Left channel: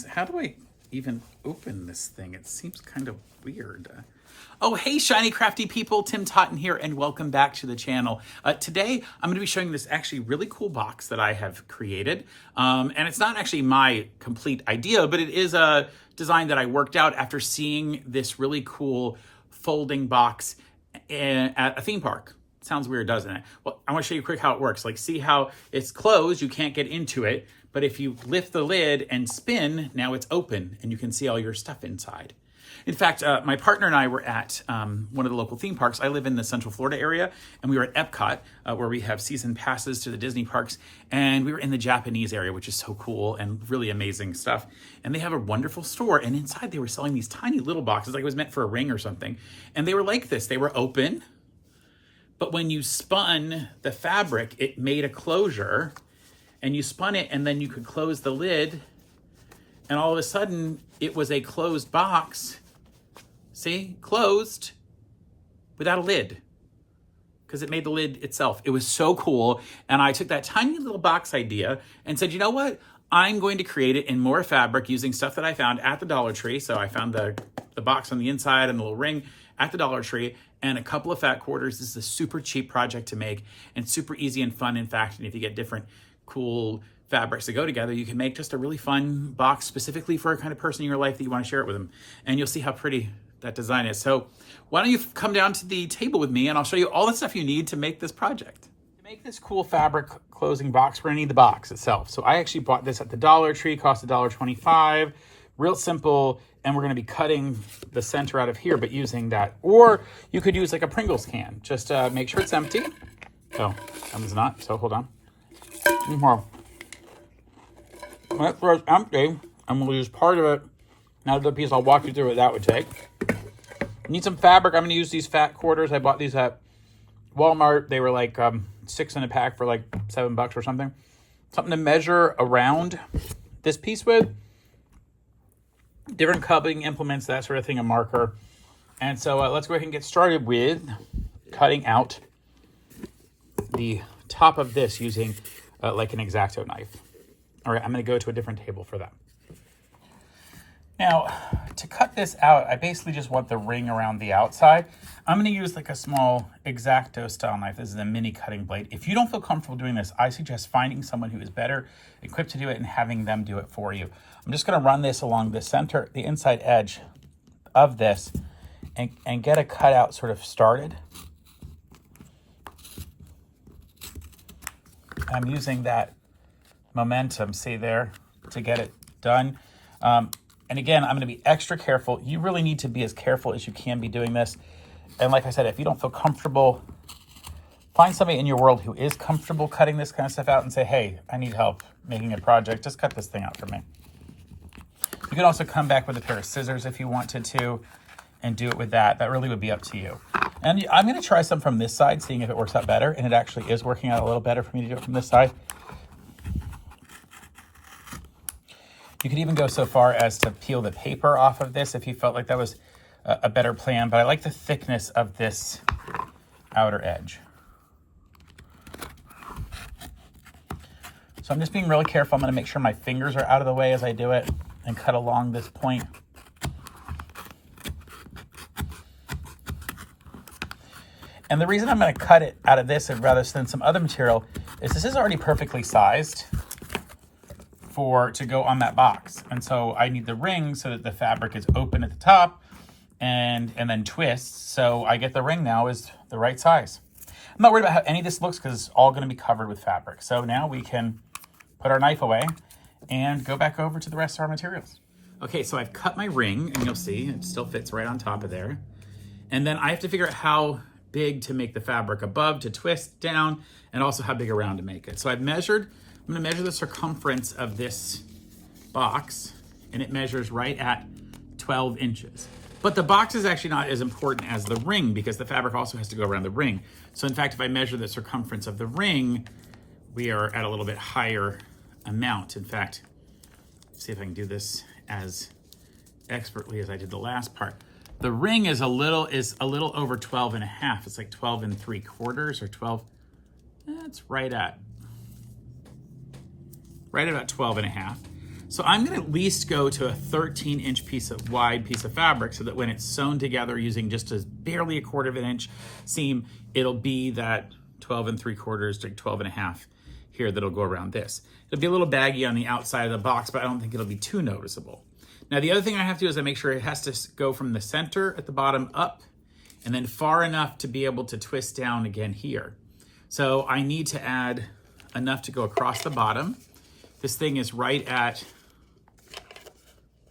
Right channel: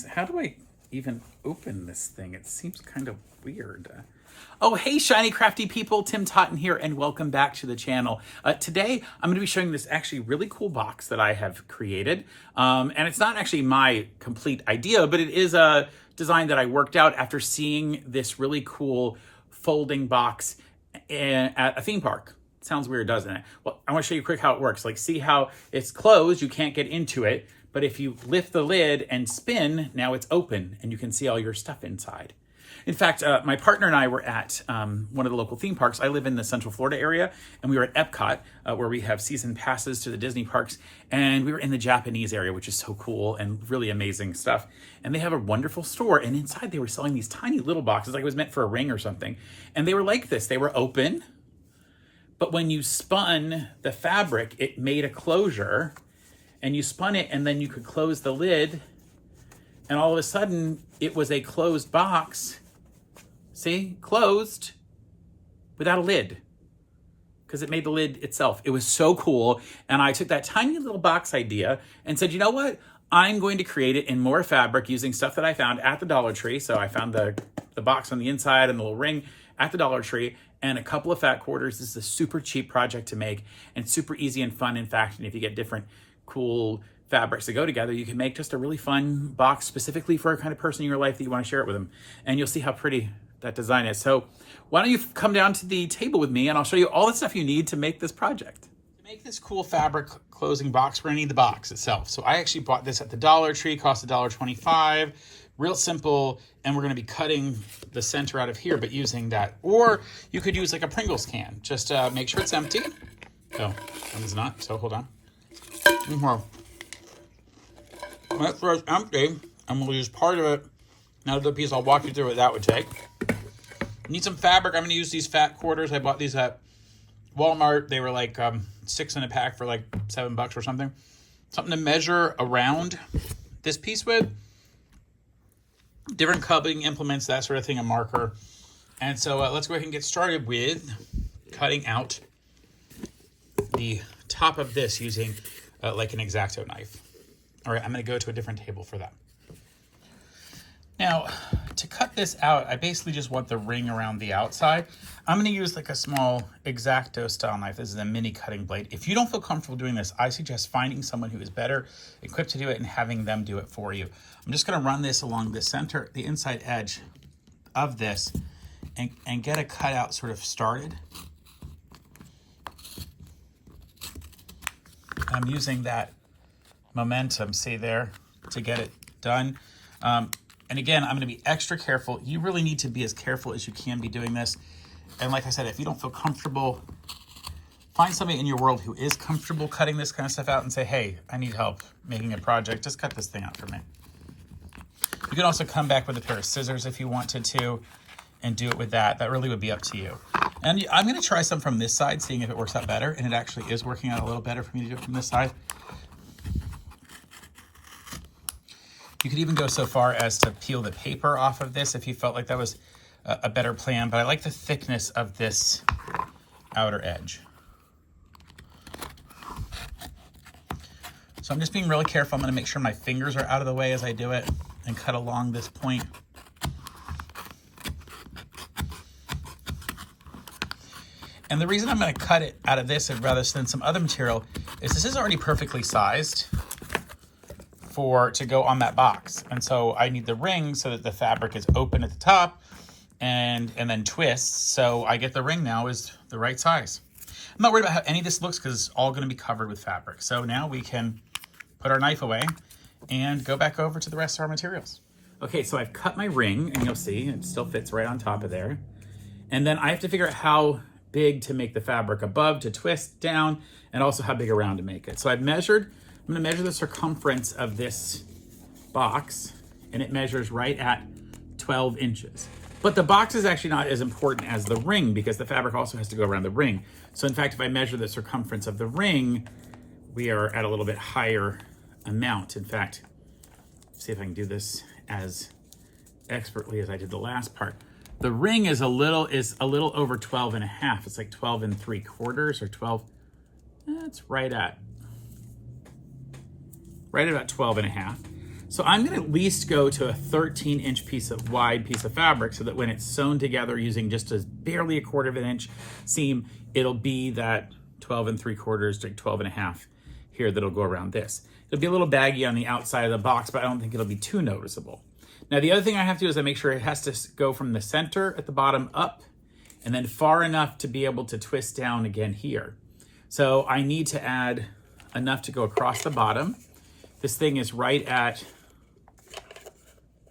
How do I even open this thing? It seems kind of weird. Oh, hey, Shiny Crafty People, Tim Totten here, and welcome back to the channel. Today, I'm going to be showing this actually really cool box that I have created. And it's not actually my complete idea, but it is a design that I worked out after seeing this really cool folding box at a theme park. Sounds weird, doesn't it? Well, I want to show you quick how it works. Like, see how it's closed, you can't get into it, but if you lift the lid and spin, now it's open and you can see all your stuff inside. In fact, my partner and I were at one of the local theme parks. I live in the Central Florida area, and we were at EPCOT, where we have season passes to the Disney parks, and we were in the Japanese area, which is so cool and really amazing stuff. And they have a wonderful store, and inside they were selling these tiny little boxes, like it was meant for a ring or something. And they were like this. They were open, but when you spun the fabric, it made a closure, and you spun it, and then you could close the lid, and all of a sudden, it was a closed box. See, closed without a lid because it made the lid itself. It was so cool. And I took that tiny little box idea and said, you know what? I'm going to create it in more fabric using stuff that I found at the Dollar Tree. So I found the box on the inside and the little ring at the Dollar Tree and a couple of fat quarters. This is a super cheap project to make and super easy and fun. In fact, and if you get different cool fabrics to go together, you can make just a really fun box specifically for a kind of person in your life that you want to share it with them. And you'll see how pretty that design is. So why don't you come down to the table with me and I'll show you all the stuff you need to make this project. To make this cool fabric closing box, we're gonna need the box itself. So I actually bought this at the Dollar Tree, cost $1.25, real simple, and we're gonna be cutting the center out of here, but using that. Or you could use like a Pringles can. Just make sure it's empty. Oh, it's not, so hold on. Make sure it's empty, and we'll use part of it. Now the piece, I'll walk you through what that would take. Need some fabric. I'm going to use these fat quarters. I bought these at Walmart. They were like 6 in a pack for like $7 or something. Something to measure around this piece with. Different cutting implements, that sort of thing, a marker. And so let's go ahead and get started with cutting out the top of this using like an X-Acto knife. All right, I'm going to go to a different table for that. Now, to cut this out, I basically just want the ring around the outside. I'm going to use like a small X-Acto style knife. This is a mini cutting blade. If you don't feel comfortable doing this, I suggest finding someone who is better equipped to do it and having them do it for you. I'm just going to run this along the center, the inside edge of this and get a cutout sort of started. I'm using that momentum, see there, to get it done. And again, I'm going to be extra careful. You really need to be as careful as you can be doing this. And like I said, if you don't feel comfortable, find somebody in your world who is comfortable cutting this kind of stuff out and say, hey, I need help making a project. Just cut this thing out for me. You can also come back with a pair of scissors if you wanted to and do it with that. That really would be up to you. And I'm going to try some from this side, seeing if it works out better. And it actually is working out a little better for me to do it from this side. You could even go so far as to peel the paper off of this if you felt like that was a better plan, but I like the thickness of this outer edge. So I'm just being really careful. I'm going to make sure my fingers are out of the way as I do it and cut along this point. And the reason I'm going to cut it out of this rather than some other material is this is already perfectly sized to go on that box. And so I need the ring so that the fabric is open at the top and then twists. So I get the ring now is the right size. I'm not worried about how any of this looks because it's all going to be covered with fabric. So now we can put our knife away and go back over to the rest of our materials. Okay, so I've cut my ring and you'll see it still fits right on top of there. And then I have to figure out how big to make the fabric above to twist down and also how big around to make it. So I'm going to measure the circumference of this box, and it measures right at 12 inches. But the box is actually not as important as the ring because the fabric also has to go around the ring. So in fact, if I measure the circumference of the ring, we are at a little bit higher amount. In fact, let's see if I can do this as expertly as I did the last part. The ring is a little over 12 and a half. It's like 12 3/4 or 12. That's right at about 12 and a half. So I'm gonna at least go to a 13-inch wide piece of fabric so that when it's sewn together using just barely a 1/4 of an inch seam, it'll be that 12 3/4 to 12 1/2 here that'll go around this. It'll be a little baggy on the outside of the box, but I don't think it'll be too noticeable. Now the other thing I have to do is I make sure it has to go from the center at the bottom up and then far enough to be able to twist down again here. So I need to add enough to go across the bottom. This thing is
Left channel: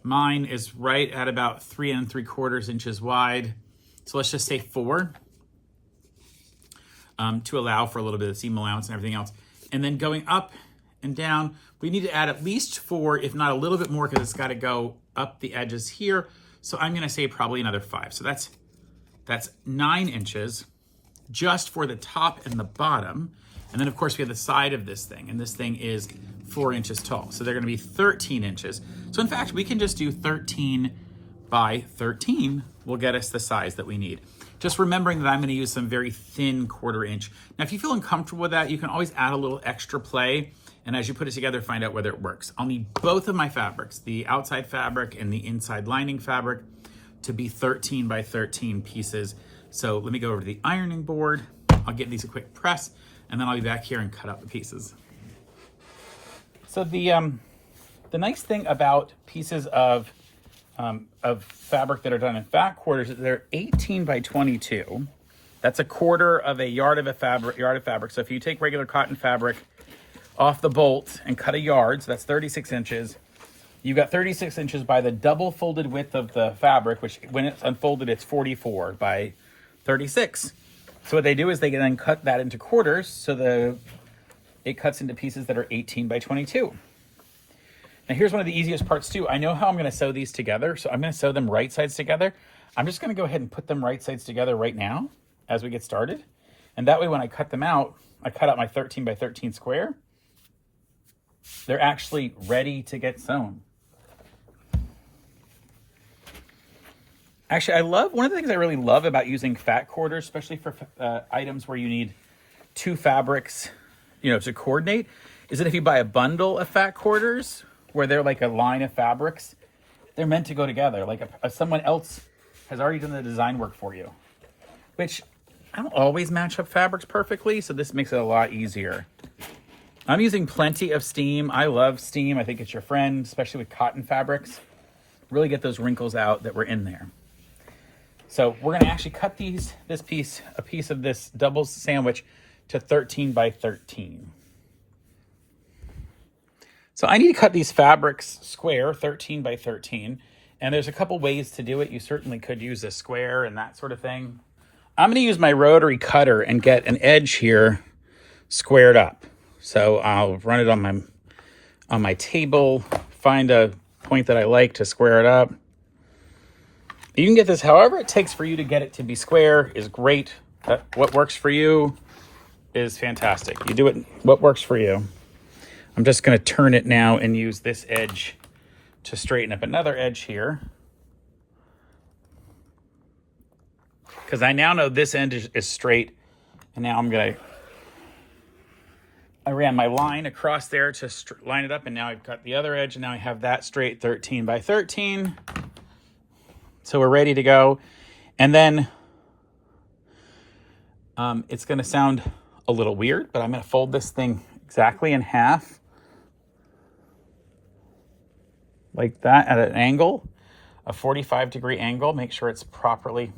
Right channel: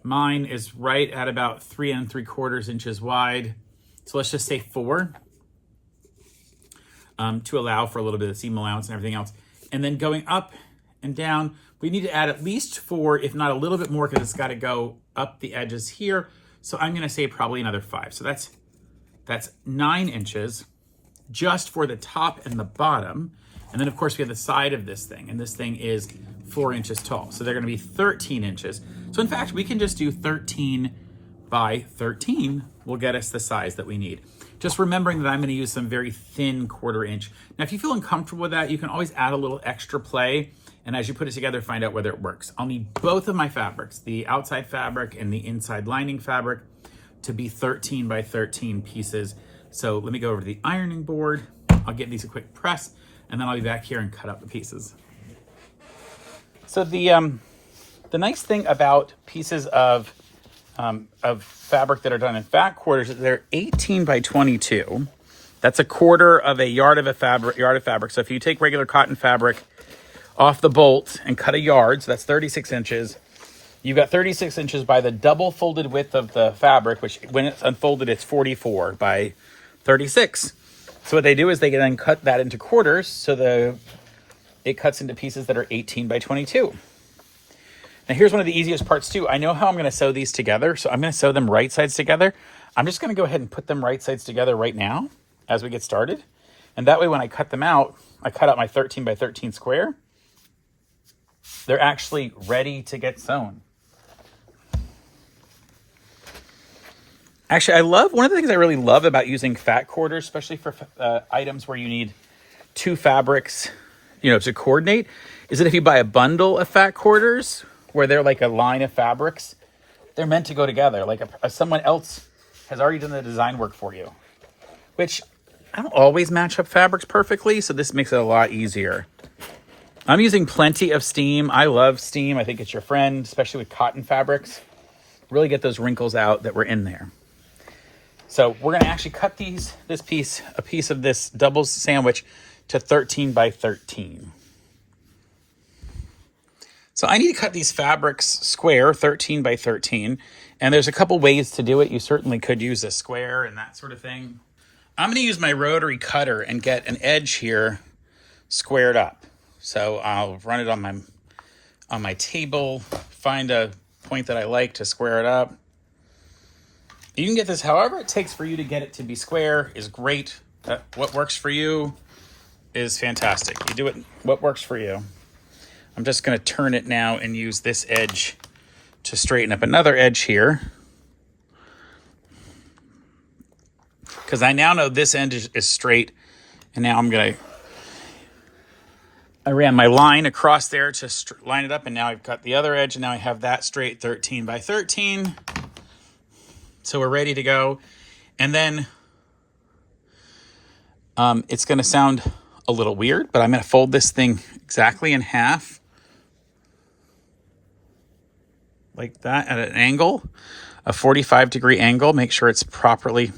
mine is right at about 3 3/4 inches wide. So let's just say 4 to allow for a little bit of seam allowance and everything else. And then going up and down, we need to add at least 4, if not a little bit more, because it's got to go up the edges here. So I'm going to say probably another 5. So that's 9 inches just for the top and the bottom. And then of course we have the side of this thing, and this thing is 4 inches tall. So they're going to be 13 inches. So in fact, we can just do 13 by 13 will get us the size that we need. Just remembering that I'm going to use some very thin 1/4 inch. Now, if you feel uncomfortable with that, you can always add a little extra play. And as you put it together, find out whether it works. I'll need both of my fabrics, the outside fabric and the inside lining fabric, to be 13 by 13 pieces. So let me go over to the ironing board. I'll give these a quick press, and then I'll be back here and cut out the pieces. So the nice thing about pieces of fabric that are done in fat quarters is they're 18 by 22. That's a 1/4 of a yard of fabric. So if you take regular cotton fabric off the bolt and cut a yard, so that's 36 inches. You've got 36 inches by the double folded width of the fabric, which when it's unfolded, it's 44 by 36. So what they do is they then cut that into quarters, so it cuts into pieces that are 18 by 22. Now here's one of the easiest parts too. I know how I'm going to sew these together, so I'm going to sew them right sides together. I'm just going to go ahead and put them right sides together right now as we get started. And that way when I cut them out, I cut out my 13 by 13 square. They're actually ready to get sewn. Actually, one of the things I really love about using fat quarters, especially for items where you need 2 fabrics, to coordinate, is that if you buy a bundle of fat quarters, where they're like a line of fabrics, they're meant to go together. Like someone else has already done the design work for you, which I don't always match up fabrics perfectly, so this makes it a lot easier. I'm using plenty of steam. I love steam. I think it's your friend, especially with cotton fabrics. Really get those wrinkles out that were in there. So we're going to actually cut a piece of this double sandwich to 13 by 13. So I need to cut these fabrics square, 13 by 13. And there's a couple ways to do it. You certainly could use a square and that sort of thing. I'm going to use my rotary cutter and get an edge here squared up. So I'll run it on my table, find a point that I like to square it up. You can get this however it takes for you to get it to be square is great. What works for you is fantastic. You do it what works for you. I'm just going to turn it now and use this edge to straighten up another edge here. Because I now know this end is straight, and now I ran my line across there to line it up, and now I've got the other edge, and now I have that straight 13 by 13. So we're ready to go. And then it's going to sound a little weird, but I'm going to fold this thing exactly in half. Like that at an angle, a 45-degree angle. Make sure it's properly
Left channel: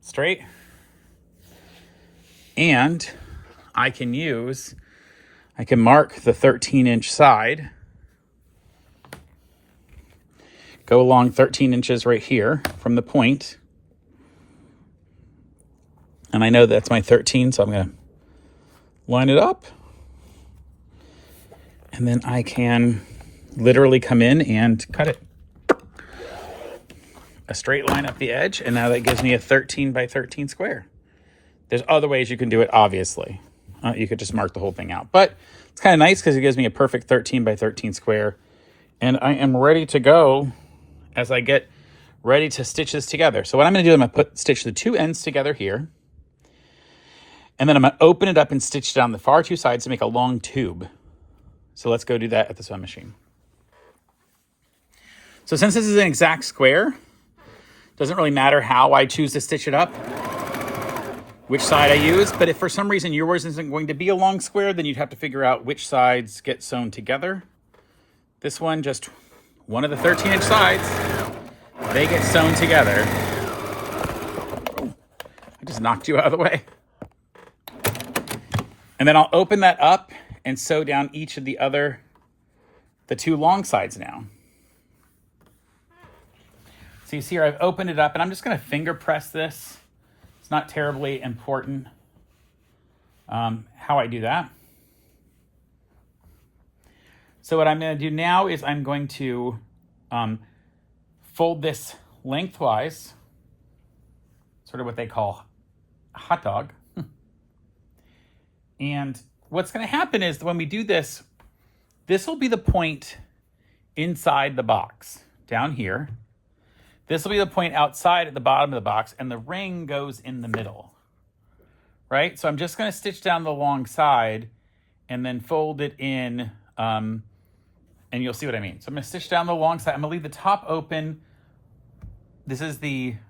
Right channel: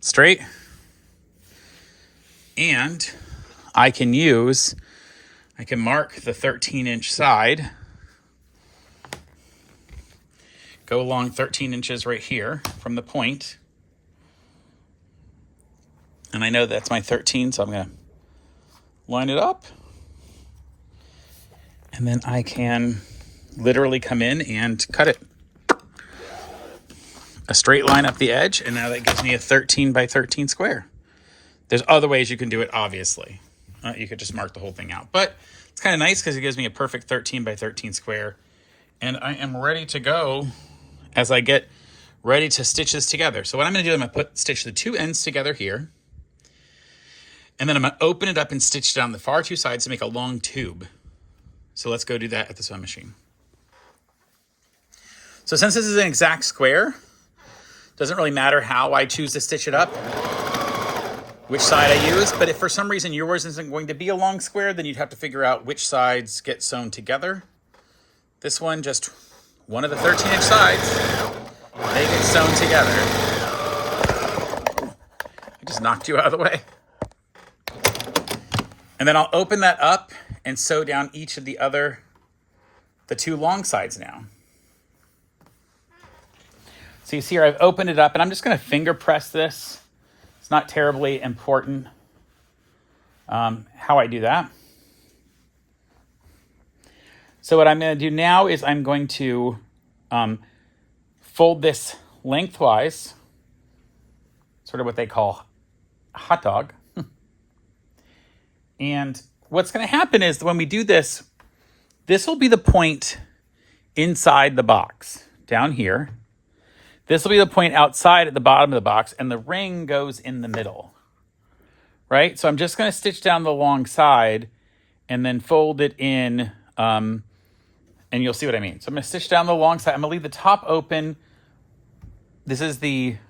straight. And I can mark the 13-inch side. Go along 13 inches right here from the point. And I know that's my 13, so I'm going to line it up. And then I can literally come in and cut it. A straight line up the edge, and now that gives me a 13 by 13 square. There's other ways you can do it, obviously. You could just mark the whole thing out. But it's kind of nice because it gives me a perfect 13 by 13 square. And I am ready to go as I get ready to stitch this together. So what I'm going to do is I'm going to stitch the 2 ends together here. And then I'm going to open it up and stitch down the far 2 sides to make a long tube. So let's go do that at the sewing machine. So since this is an exact square, doesn't really matter how I choose to stitch it up, which side I use, but if for some reason yours isn't going to be a long square, then you'd have to figure out which sides get sewn together. This one, just one of the 13-inch sides, they get sewn together. I just knocked you out of the way. And then I'll open that up and sew down each of the two long sides now. So you see here, I've opened it up, and I'm just gonna finger press this. It's not terribly important how I do that. So what I'm going to do now is I'm going to fold this lengthwise, sort of what they call a hot dog. And what's going to happen is when we do this, this will be the point inside the box down here. This will be the point outside at the bottom of the box, and the ring goes in the middle, right? So I'm just going to stitch down the long side and then fold it in, and you'll see what I mean. So I'm going to stitch down the long side. I'm going to leave the top open. This is or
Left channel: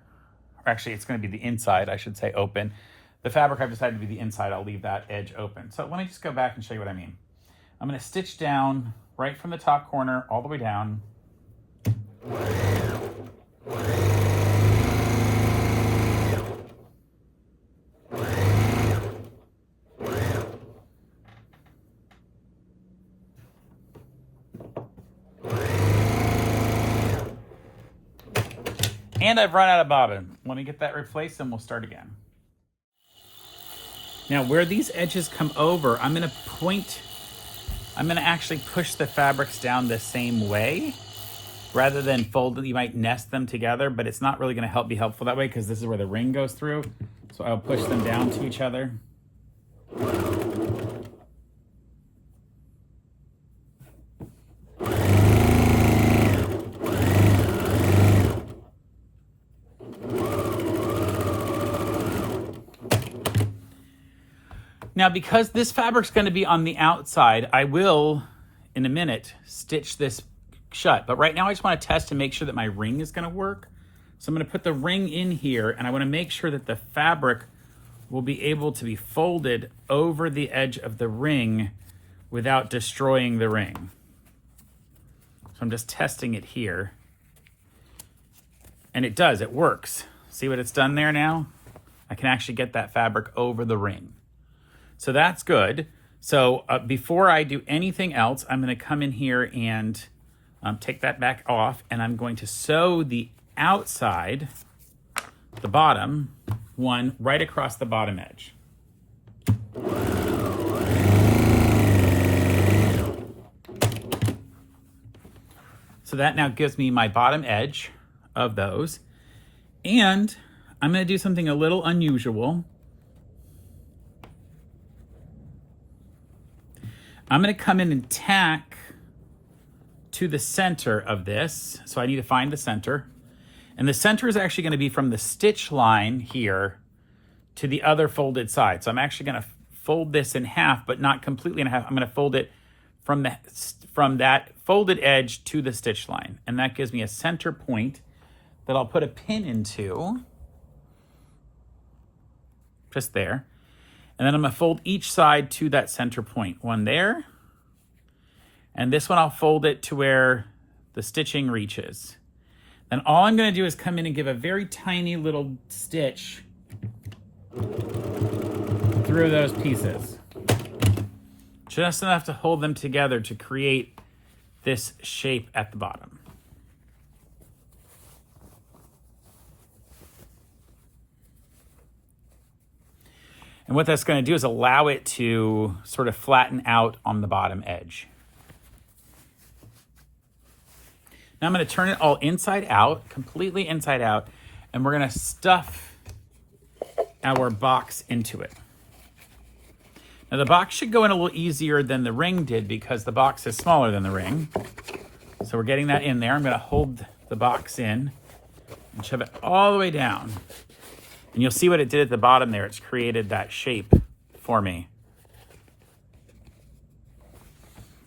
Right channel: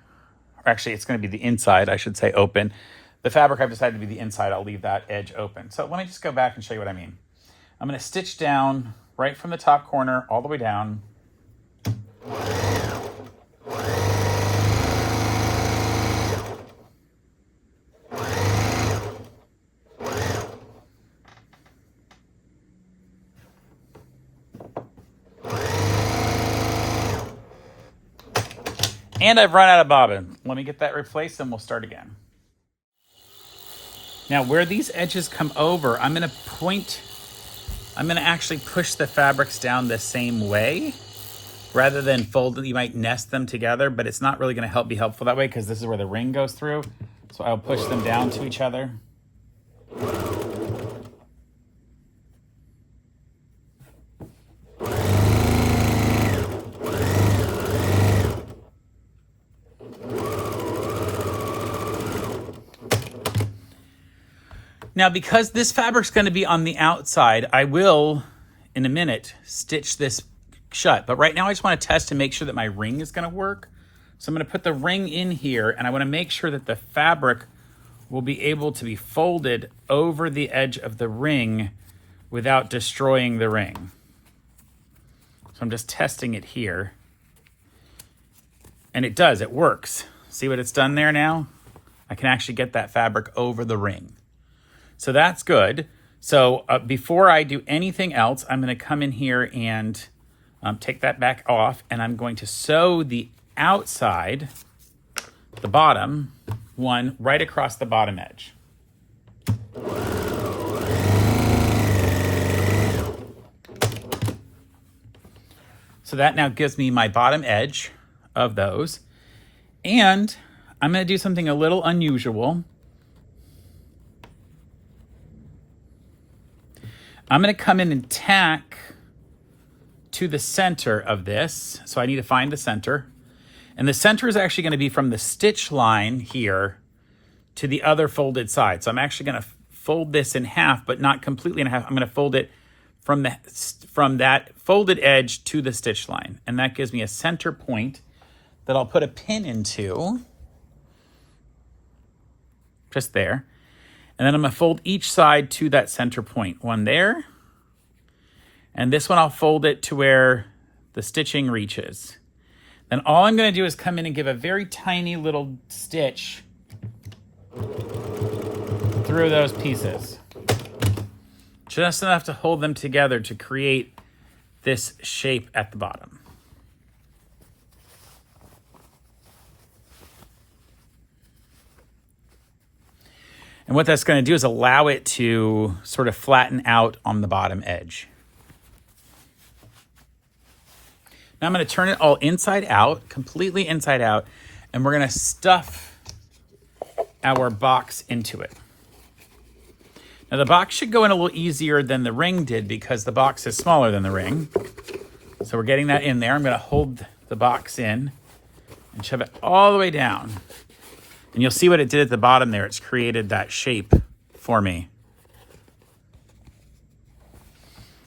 actually it's going to be the inside, I should say, open. The fabric I've decided to be the inside. I'll leave that edge open. So let me just go back and show you what I mean. I'm going to stitch down right from the top corner all the way down. And I've run out of bobbin. Let me get that replaced and we'll start again. Now where these edges come over, I'm gonna actually push the fabrics down the same way rather than fold. You might nest them together, but it's not really gonna be helpful that way because this is where the ring goes through. So I'll push them down to each other. Now, because this fabric's going to be on the outside, I will, in a minute, stitch this shut. But right now, I just want to test and make sure that my ring is going to work. So I'm going to put the ring in here, and I want to make sure that the fabric will be able to be folded over the edge of the ring without destroying the ring. So I'm just testing it here. And it does, it works. See what it's done there now? I can actually get that fabric over the ring. So that's good. So before I do anything else, I'm going to come in here and take that back off, and I'm going to sew the outside, the bottom one, right across the bottom edge. So that now gives me my bottom edge of those. And I'm going to do something a little unusual. I'm going to come in and tack to the center of this. So I need to find the center. And the center is actually going to be from the stitch line here to the other folded side. So I'm actually going to fold this in half, but not completely in half. I'm going to fold it from that folded edge to the stitch line. And that gives me a center point that I'll put a pin into. Just there. And then I'm going to fold each side to that center point. One there. And this one I'll fold it to where the stitching reaches. Then all I'm going to do is come in and give a very tiny little stitch through those pieces. Just enough to hold them together to create this shape at the bottom. And what that's going to do is allow it to sort of flatten out on the bottom edge. Now I'm going to turn it all inside out, completely inside out, and we're going to stuff our box into it. Now the box should go in a little easier than the ring did because the box is smaller than the ring. So we're getting that in there. I'm going to hold the box in and shove it all the way down. And you'll see what it did at the bottom there. It's created that shape for me.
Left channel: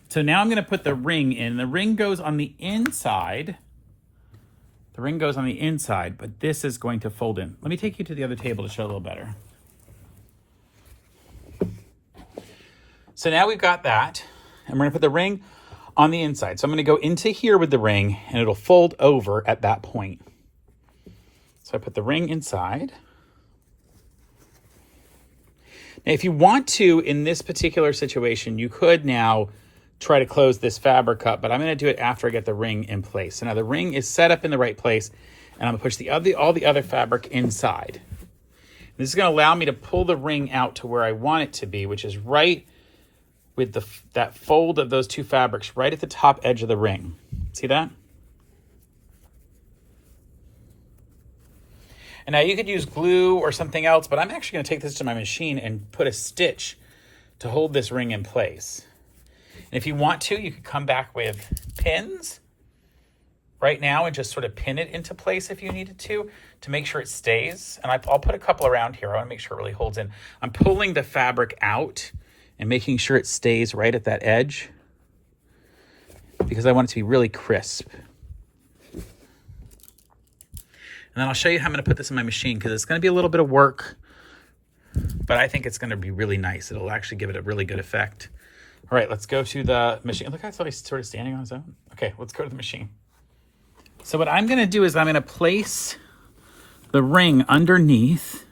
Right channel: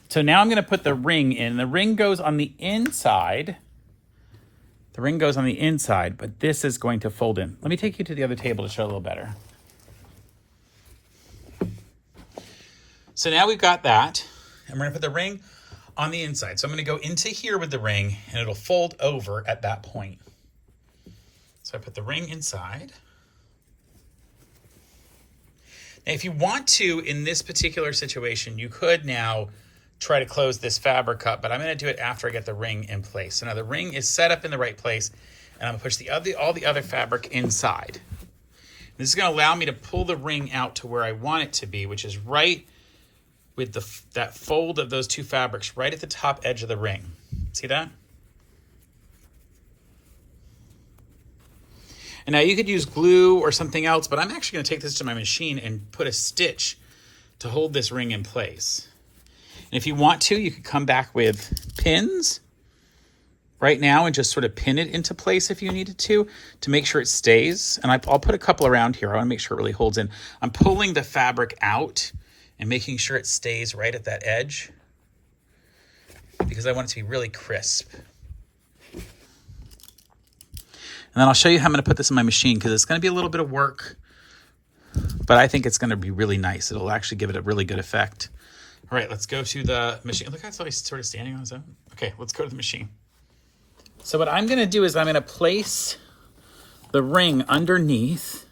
So now I'm going to put the ring in. The ring goes on the inside The ring goes on the inside, but this is going to fold in. Let me take you to the other table to show a little better. So now we've got that, and we're gonna put the ring on the inside. So I'm gonna go into here with the ring, and it'll fold over at that point. So I put the ring inside. Now, if you want to, in this particular situation, you could now try to close this fabric up, but I'm gonna do it after I get the ring in place. So now the ring is set up in the right place, and I'm gonna push all the other fabric inside. This is gonna allow me to pull the ring out to where I want it to be, which is right with that fold of those two fabrics right at the top edge of the ring. See that? And now you could use glue or something else, but I'm actually gonna take this to my machine and put a stitch to hold this ring in place. And if you want to, you could come back with pins right now and just sort of pin it into place if you needed to make sure it stays. And I'll put a couple around here. I wanna make sure it really holds in. I'm pulling the fabric out and making sure it stays right at that edge because I want it to be really crisp. And then I'll show you how I'm gonna put this in my machine because it's gonna be a little bit of work, but I think it's gonna be really nice. It'll actually give it a really good effect. All right, let's go to the machine. Look how it's always sort of standing on its own. Okay, let's go to the machine. So what I'm gonna do is I'm gonna place the ring underneath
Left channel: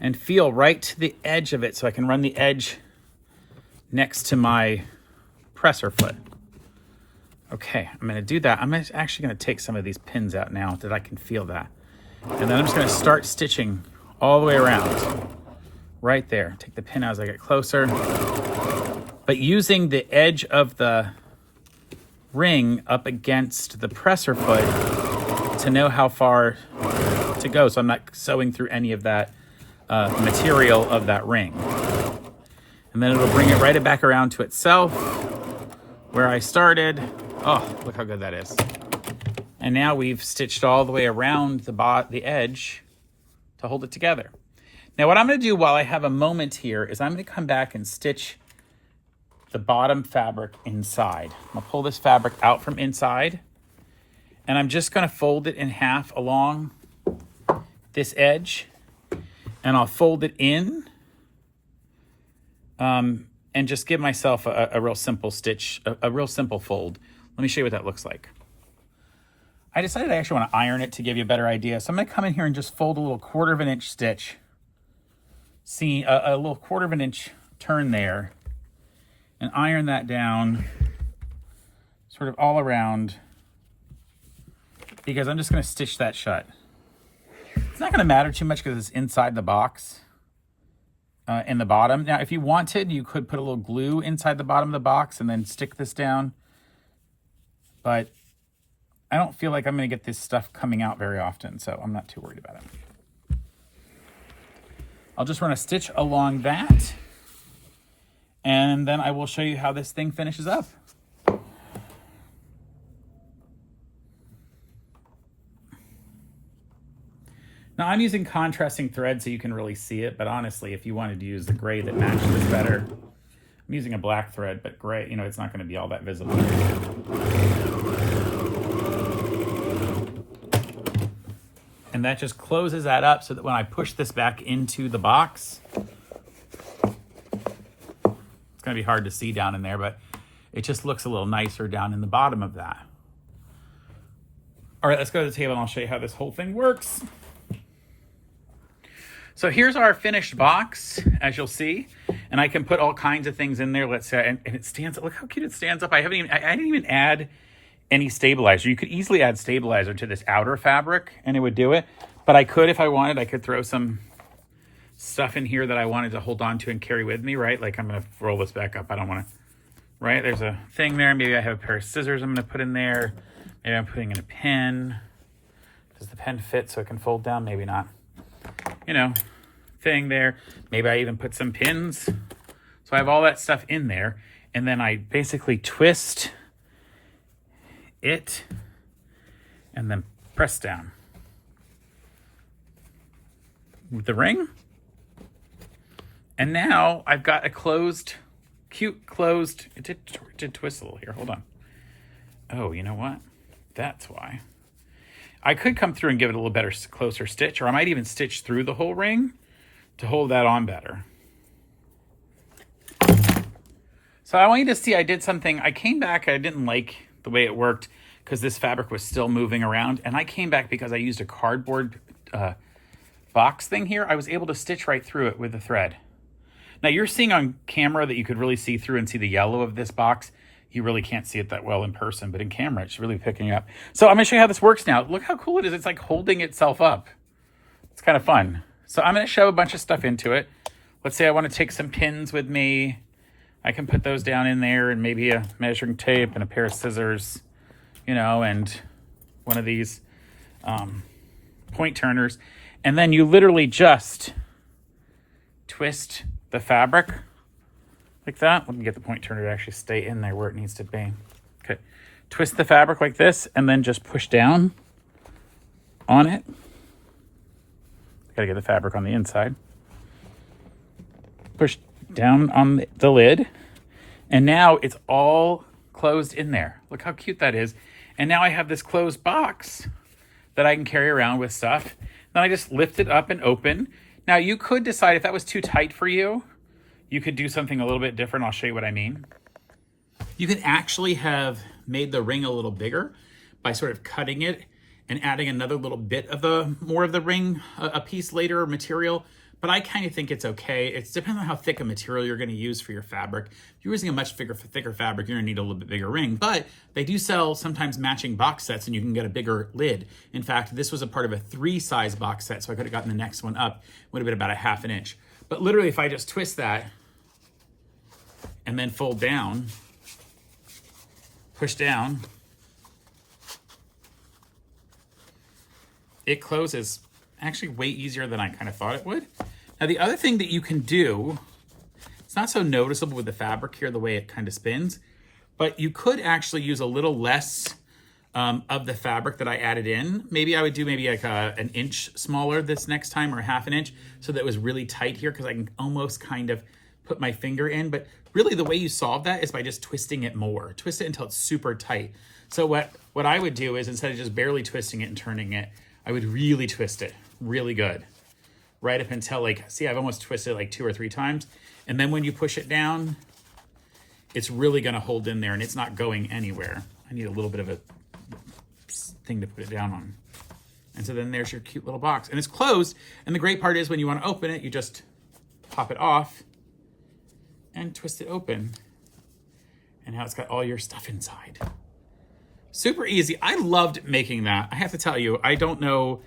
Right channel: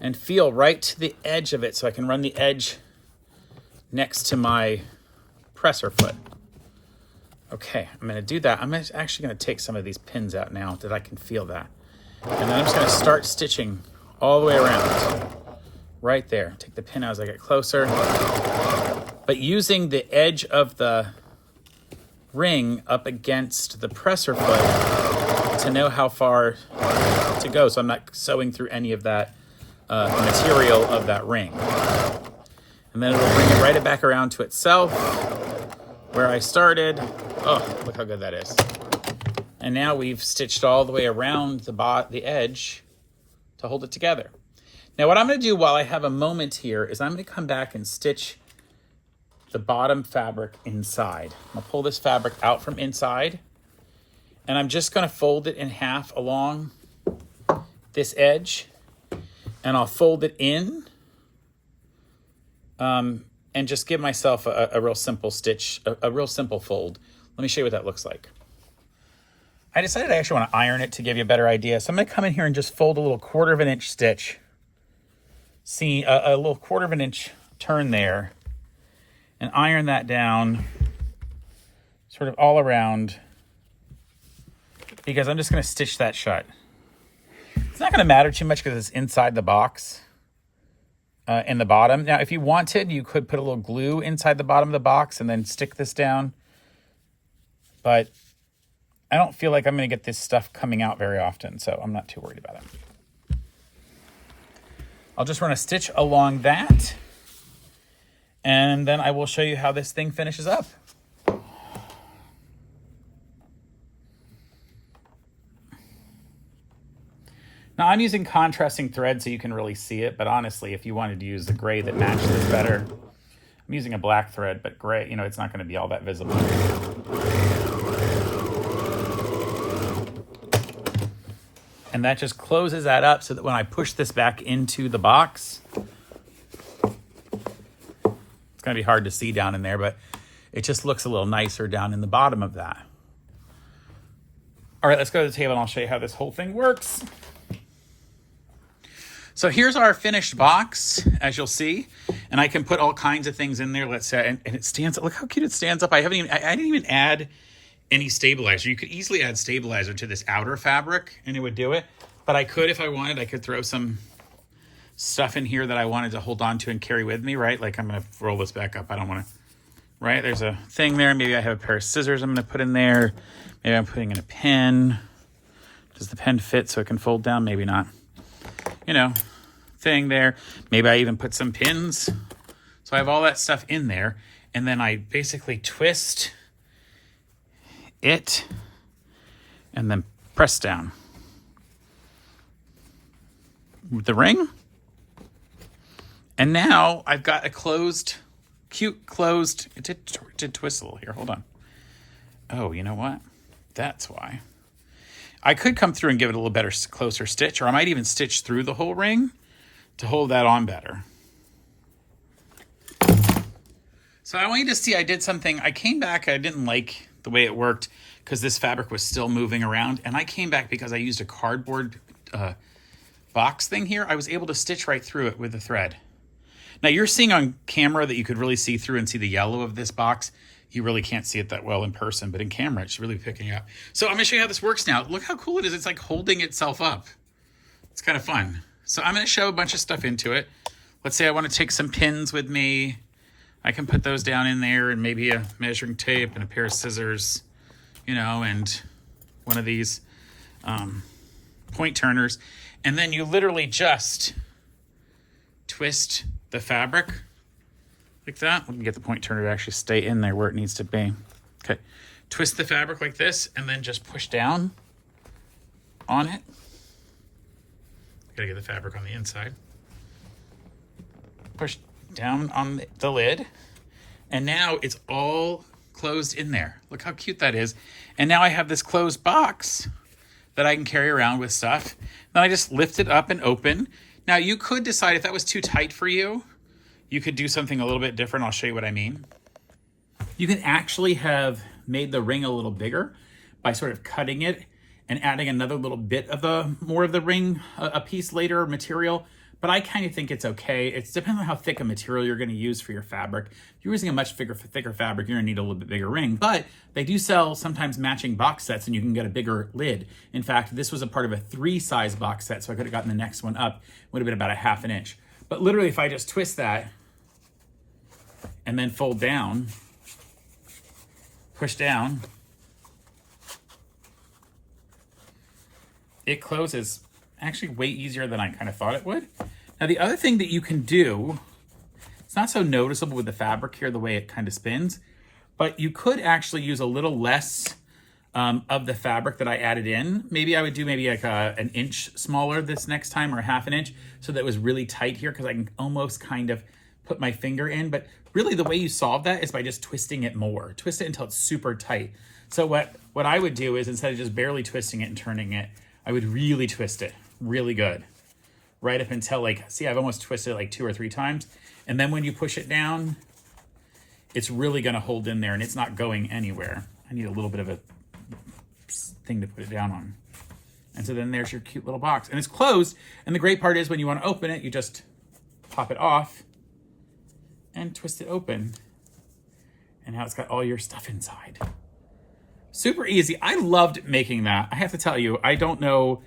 and feel right to the edge of it so I can run the edge next to my presser foot. Okay, I'm gonna do that. I'm actually gonna take some of these pins out now that I can feel that. And then I'm just gonna start stitching all the way around. Right there. Take the pin out as I get closer. But using the edge of the ring up against the presser foot to know how far to go so I'm not sewing through any of that material of that ring. And then it'll bring it right back around to itself where I started. Oh, look how good that is. And now we've stitched all the way around the edge to hold it together. Now what I'm gonna do while I have a moment here is I'm gonna come back and stitch the bottom fabric inside. I'll pull this fabric out from inside and I'm just gonna fold it in half along this edge and I'll fold it in and just give myself a real simple stitch, a real simple fold. Let me show you what that looks like. I decided I actually want to iron it to give you a better idea. So I'm going to come in here and just fold a little 1/4 of an inch stitch. See a little 1/4 of an inch turn there and iron that down sort of all around because I'm just going to stitch that shut. It's not going to matter too much because it's inside the box. In the bottom. Now, if you wanted, you could put a little glue inside the bottom of the box and then stick this down. But I don't feel like I'm going to get this stuff coming out very often, so I'm not too worried about it. I'll just run a stitch along that, and then I will show you how this thing finishes up. Now I'm using contrasting thread so you can really see it, but honestly, if you wanted to use the gray that matches better, I'm using a black thread, but gray, you know, it's not going to be all that visible. And that just closes that up so that when I push this back into the box, it's going to be hard to see down in there, but it just looks a little nicer down in the bottom of that. All right, let's go to the table and I'll show you how this whole thing works. So here's our finished box, as you'll see, and I can put all kinds of things in there. Let's say, and it stands up. Look how cute it stands up. I didn't even add any stabilizer. You could easily add stabilizer to this outer fabric, and it would do it. But I could, if I wanted, I could throw some stuff in here that I wanted to hold on to and carry with me, right? Like I'm gonna roll this back up. I don't want to. Right? There's a thing there. Maybe I have a pair of scissors I'm gonna put in there. Maybe I'm putting in a pen. Does the pen fit so it can fold down? Maybe not. You know, thing there. Maybe I even put some pins. So I have all that stuff in there. And then I basically twist it and then press down with the ring. And now I've got a closed, cute closed, it did twist a little here. Hold on. Oh, you know what? That's why. I could come through and give it a little better, closer stitch, or I might even stitch through the whole ring to hold that on better. So I want you to see I did something. I came back, I didn't like the way it worked because this fabric was still moving around. And I came back because I used a cardboard box thing here. I was able to stitch right through it with the thread. Now you're seeing on camera that you could really see through and see the yellow of this box. You really can't see it that well in person, but in camera, it's really picking up. So I'm gonna show you how this works now. Look how cool it is. It's like holding itself up. It's kind of fun. So I'm gonna shove a bunch of stuff into it. Let's say I wanna take some pins with me. I can put those down in there and maybe a measuring tape and a pair of scissors, you know, and one of these point turners. And then you literally just twist the fabric like that. Let me get the point turner to actually stay in there where it needs to be. Okay, twist the fabric like this and then just push down on it. Gotta get the fabric on the inside. Push down on the lid, and now it's all closed in there. Look how cute that is. And now I have this closed box that I can carry around with stuff. Then I just lift it up and open. Now you could decide if that was too tight for you, you could do something a little bit different. I'll show you what I mean. You could actually have made the ring a little bigger by sort of cutting it and adding another little bit of more of the ring, a piece later material. But I kind of think it's okay. It depends on how thick a material you're gonna use for your fabric. If you're using a much thicker fabric, you're gonna need a little bit bigger ring. But they do sell sometimes matching box sets and you can get a bigger lid. In fact, this was a part of a 3-size box set, so I could have gotten the next one up. Would have been about a 1/2 inch. But literally if I just twist that and then fold down, push down, it closes actually way easier than I kind of thought it would. Now the other thing that you can do, it's not so noticeable with the fabric here, the way it kind of spins, but you could actually use a little less of the fabric that I added in. Maybe I would do maybe like an inch smaller this next time, or 1/2 inch, so that it was really tight here, because I can almost kind of put my finger in. But really the way you solve that is by just twisting it more. Twist it until it's super tight. So what I would do is, instead of just barely twisting it and turning it, I would really twist it really good. Right up until, like, see, I've almost twisted it like 2 or 3 times. And then when you push it down, it's really gonna hold in there and it's not going anywhere. I need a little bit of a thing to put it down on. And so then there's your cute little box. And it's closed. And the great part is when you wanna open it, you just pop it off and twist it open. And now it's got all your stuff inside. Super easy. I loved making that. I have to tell you, I don't know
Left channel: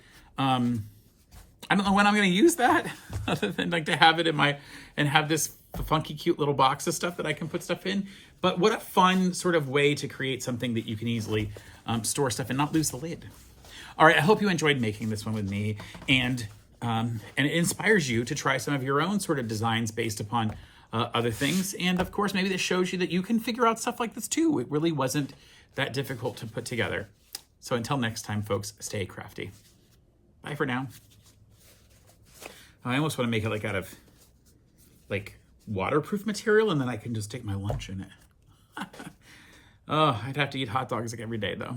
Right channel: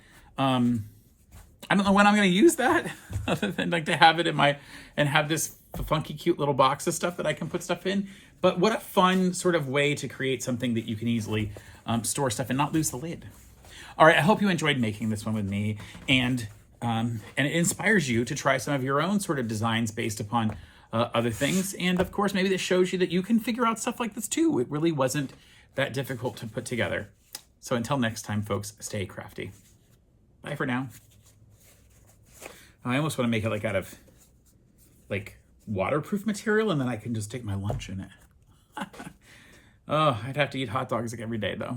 when I'm going to use that other than like to have it in my, and have this funky, cute little box of stuff that I can put stuff in. But what a fun sort of way to create something that you can easily store stuff and not lose the lid. All right. I hope you enjoyed making this one with me, and it inspires you to try some of your own sort of designs based upon other things. And of course, maybe this shows you that you can figure out stuff like this too. It really wasn't that difficult to put together. So until next time, folks, stay crafty. Bye for now. I almost want to make it like out of like waterproof material, and then I can just take my lunch in it. Oh, I'd have to eat hot dogs like every day though.